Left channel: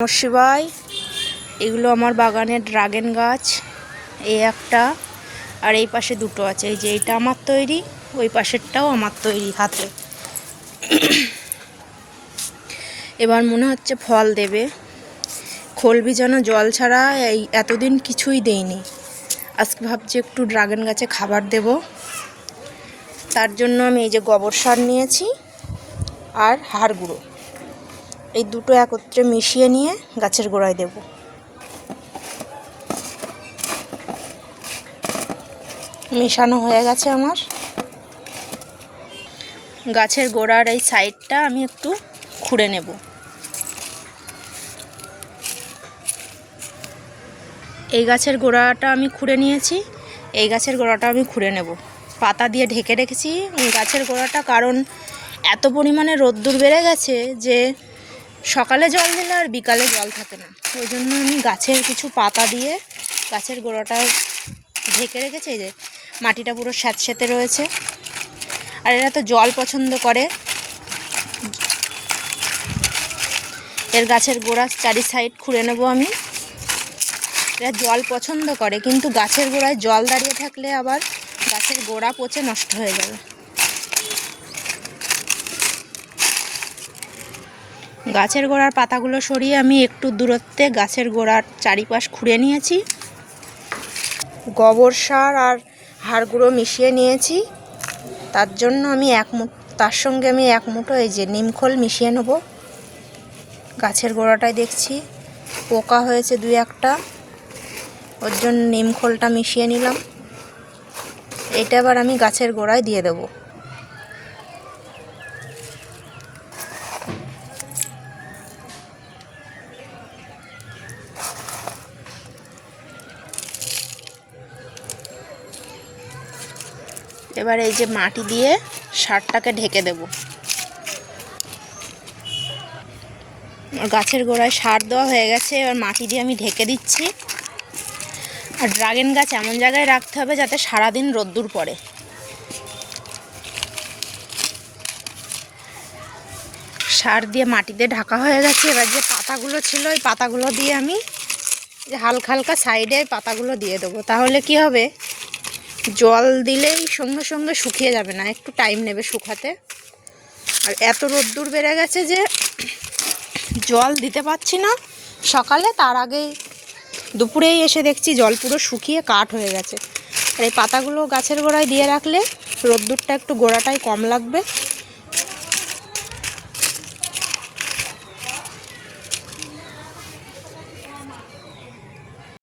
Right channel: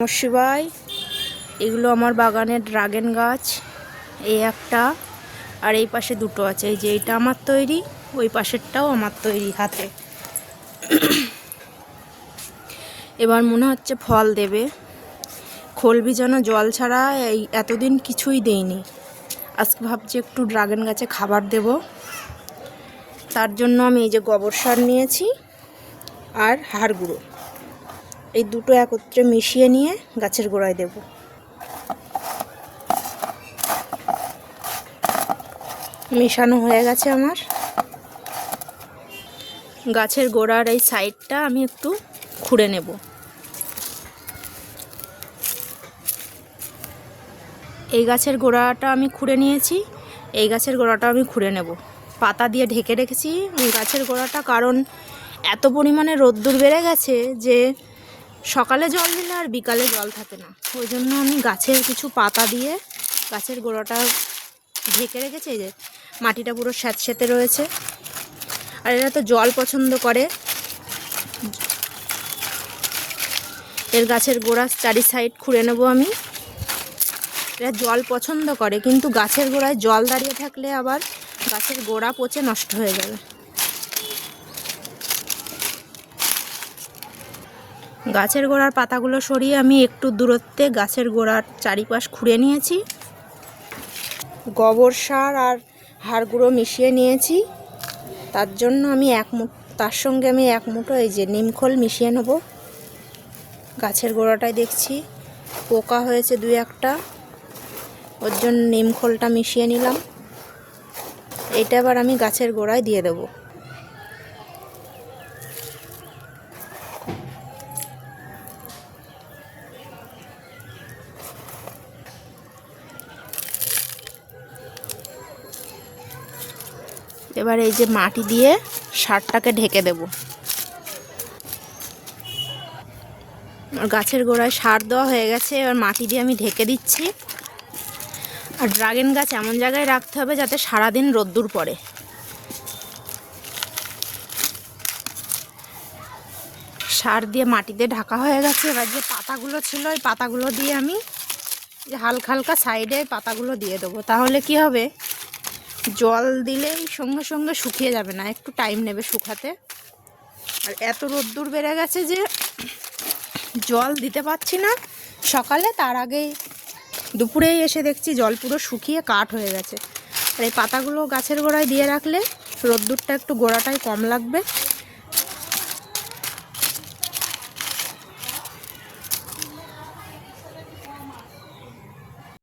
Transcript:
নমঃ শিবায়। এগুলো আমার বাগানের ড্রাগন গাছ। এই একটা আর এই পাশে দুটো আছে। এই যে এইটা আমার তৈরি, ওই পাশেরটাও আমার তৈরি হাতে। এবার মনে হচ্ছে ফল দেবে। খোল ভিজানো জল ছাড়া এই এতদিন কিছুই দেইনি। আজকে ভাবছি একটু ড্রাগন গাছে খাবার দেব। তার জন্য আমি এই যে গোবর সার নিয়েছি আর হাড় গুঁড়ো, এই দুটো একত্রে মিশিয়ে নিয়ে গাছের গোড়ায় দেব। মেশানো হয়ে গেছে আমার। গাছের গোড়ার এই সাইডটা আমি একটু খুঁড়ে নেব। এই গাছের গোড়াটা আমি খুঁড়ে নিয়েছি, এই গাছের গোড়াটা আমি খুঁড়ে নেব। পাতা দিয়ে ঢেকে রেখেছি গাছের গোড়াটা, কারণ এত পরিমাণে রোদ্দুর বেড়ে গেছে যে সকালে জল দিলে আর বিকালে জল থাকে না। ওই জন্য আমি গাছের কিছু পাতা দিয়ে গাছের গোড়াটা ঢেকে রেখেছি। এই যে মাটিটা পুরো স্যাঁতস্যাঁতে রয়েছে। আর এরা তো জল পছন্দ করে। এর গাছের গোড়ার চারি সাইড খুঁড়ে নেব আমি। এরা জল পছন্দ করে, কিন্তু গাছের গোড়ায় জল দাঁড়িয়ে থাকলে আবার গাছের গোড়া পচে নষ্ট হয়ে যাবে। গাছের গোড়ার পাতাগুলো সরিয়ে আমি একটু দূরত্বে গাছের গোড়ার চারিপাশ খুঁড়ে নিয়েছি। গোবর সার আর হাড় গুঁড়ো মিশিয়ে নিয়েছি। তার জন্য আমি তার সঙ্গে আমি এক মুঠো এই যে নিমখোল মিশিয়ে নেব। গাছের গোড়াটায় দেখছি পোকা হয়েছে দুই একটা, ওর জন্য নিমখোলটা মিশিয়ে নিলাম। এটা আবার আমি গাছের গোড়ায় দিয়ে দেব। এবার এই যে মাটি দিয়ে সারটাকে ঢেকে দেব। গাছের গোড়ায় সার দেওয়া হয়ে গেছে, এবার মাটি দিয়ে আমি ঢেকে দিচ্ছি। আর ড্রাগন গাছ এমন জায়গায় রাখতে হবে যাতে সারাদিন রোদ্দুর পড়ে। সার দিয়ে মাটিতে ঢাকা হয়ে গেছে। এবার যে পাতাগুলো ছিল ওই পাতাগুলো দিয়ে আমি হালকা হালকা সাইডে পাতাগুলো দিয়ে দেবো। তাহলে কি হবে, জল দিলেই সঙ্গে সঙ্গে শুকিয়ে যাবে না, একটু টাইম নেবে শুকাতে। আর এত রোদ্দুর বেড়ে গেছে যে জল দিতে পারছি না সকালে, তার আগেই দুপুরেই এসে দেখছি জল পুরো শুকিয়ে কাঠ হয়ে গেছে। আর এই পাতাগুলো গাছের গোড়ায় দিয়ে রাখলে রোদ্দুরটা একটু গোড়াটায় কম লাগবে।